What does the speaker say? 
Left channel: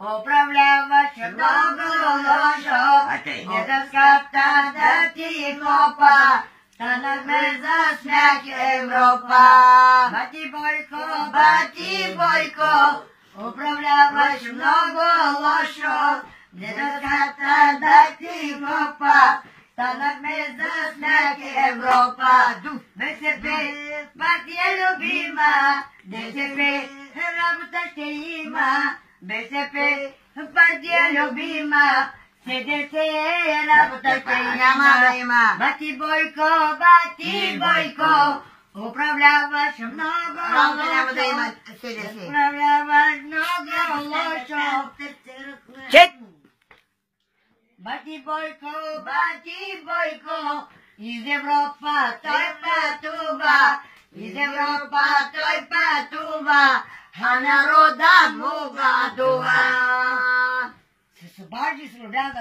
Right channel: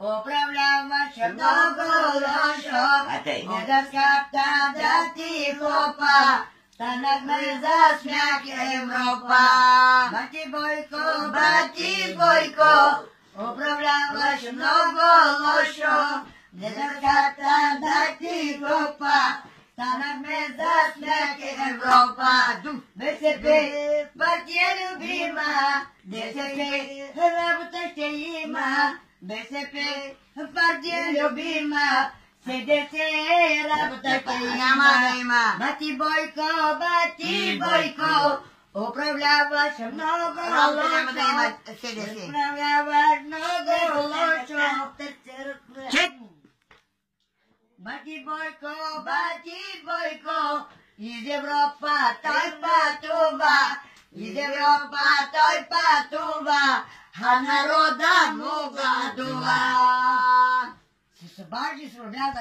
управляваше много лошо. Недоската да ти хлопа, станахме за смях Европа. Бати Бойко, управляваш много лошо. Недоската да ти хлопа, станахме за смях Европа. БСП, партия любима, БСП, работа ще има. БСП, партия любима, СДС, работа ще има. Бати Бойко, управляваш много лошо. Управляваш много лошо. Бати Бойко, из Европа той пътува, а народа му гладува. Се събажи с родя